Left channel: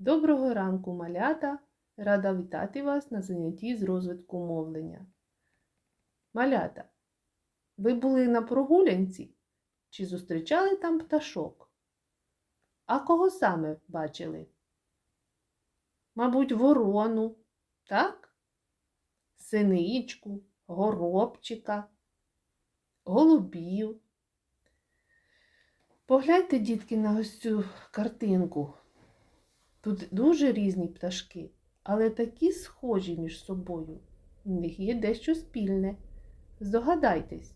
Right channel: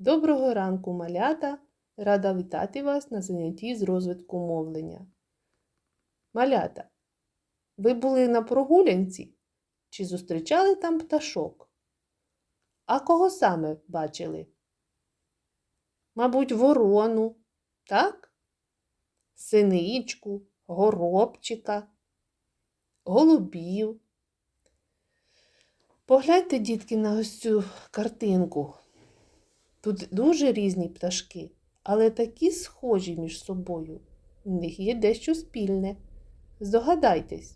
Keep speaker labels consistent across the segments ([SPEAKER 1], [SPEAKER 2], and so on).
[SPEAKER 1] Доброго ранку, малята! Рада вітати вас на занятті з розвитку мовлення. Малята, ви були на прогулянці чи зустрічали там пташок? А кого саме бачили? Мабуть, ворону, так? Синичку, горобчика, голубів. Погляньте, дітки, на ось цю картинку. Тут дуже різні пташки, але такі схожі між собою. У них є дещо спільне. Здогадайтесь.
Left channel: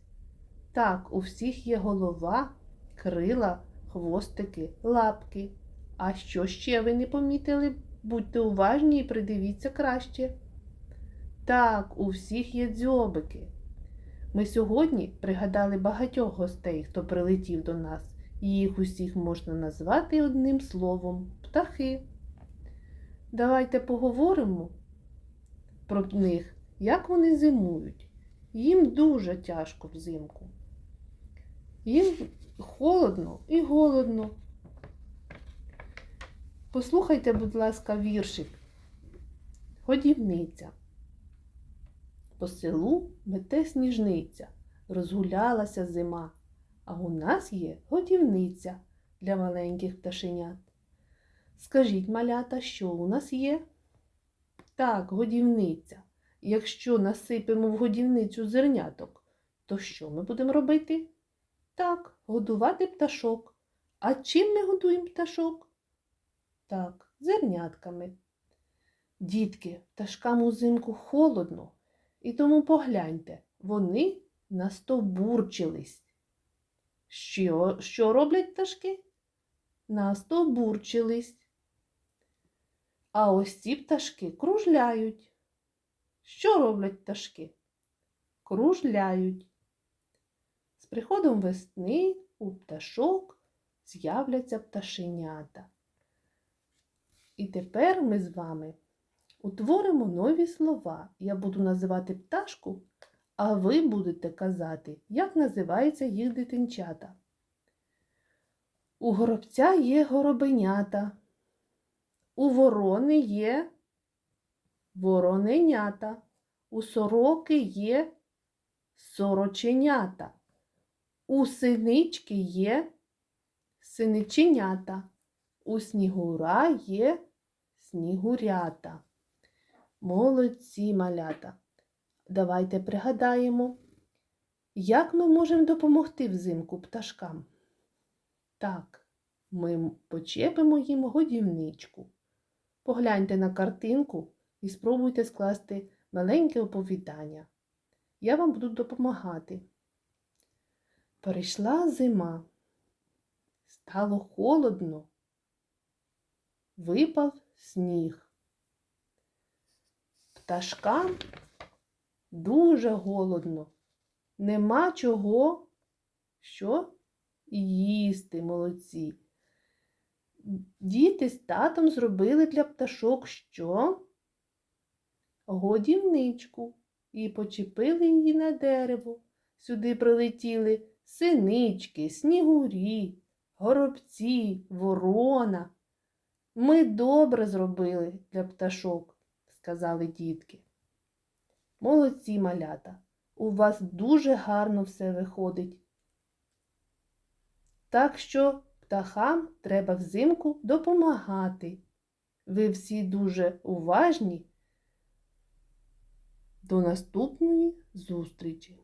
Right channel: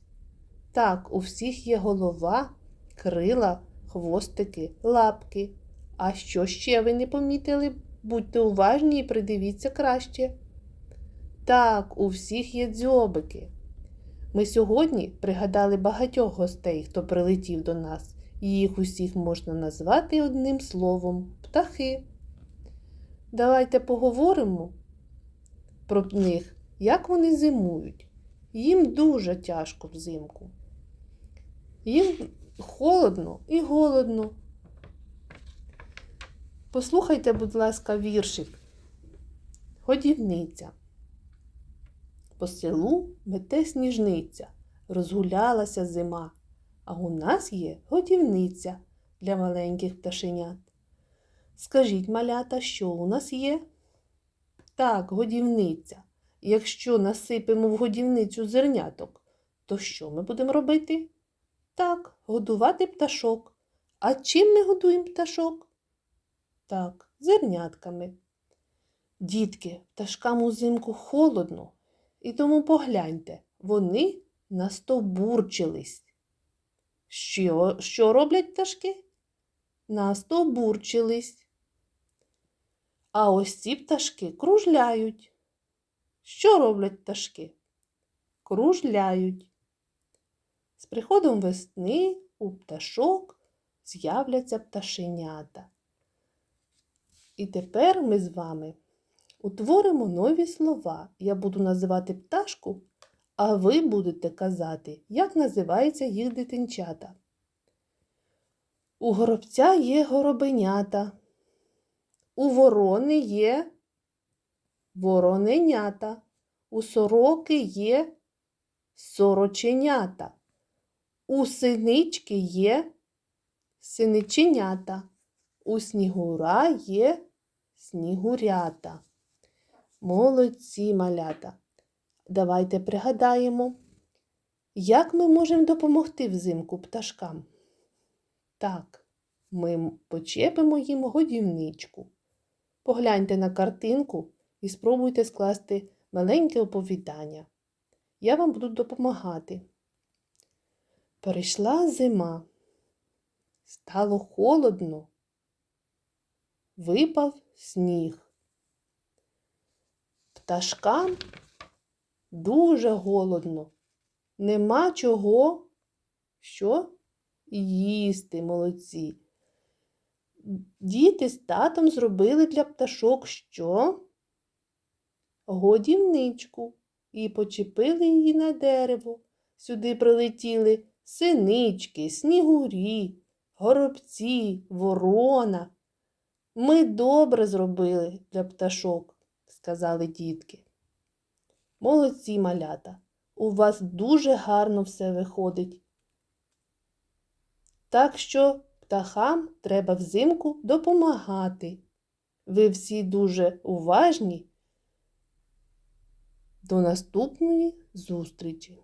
[SPEAKER 1] Так, у всіх є голова, крила, хвостики, лапки. А що ще ви не помітили? Будьте уважні і придивіться краще. Так, у всіх є дзьобики. Ми сьогодні пригадали багатьох гостей, хто прилетів до нас. Їх усіх можна назвати одним словом птахи. Давайте поговоримо про них, як вони зимують. Їм дуже тяжко взимку. Їм холодно і голодно. Послухайте, будь ласка, віршик. Годівниця. По селу мете сніжниця, розгулялася зима, а у нас є годівниця для маленьких пташенят. Скажіть, малята, що у нас є? Так, годівниця. Якщо насипемо в годівницю зерняток, то що ми будемо робити? Так, годувати пташок. А чим ми годуємо пташок? Так, зернятками. Дітки, пташкам узимку холодно, і тому погляньте, вони настовбурчились. Що, що роблять пташки? Настовбурчились. А ось ці пташки кружляють. Що роблять пташки? Кружляють. З приходом весни у пташок з'являться пташенята. І тепер ми з вами утворимо нові слова. Я буду називати пташку, а ви будете казати, як називаються їх дитинчата. У горобця є горобенята. У ворони є вороненята, у сороки є сороченята, у синички є синиченята, у снігура є снігурята. Молодці малята. Давайте пригадаємо, як ми можемо допомогти взимку пташкам. Так, ми почепимо їм годівничку. Погляньте на картинку і спробуйте скласти маленьке оповідання. Я вам буду допомагати. Перейшла зима. Стало холодно. Випав сніг. Пташкам дуже голодно. Нема чого, що їсти молодці. Діти з татом зробили для пташок що? Годівничку і почепили її на дерево. Сюди прилетіли синички, снігурі, горобці, ворона. Ми добре зробили для пташок, сказали дітки. Молодці малята, у вас дуже гарно все виходить. Так що птахам треба взимку допомагати. Ви всі дуже уважні. До наступної зустрічі!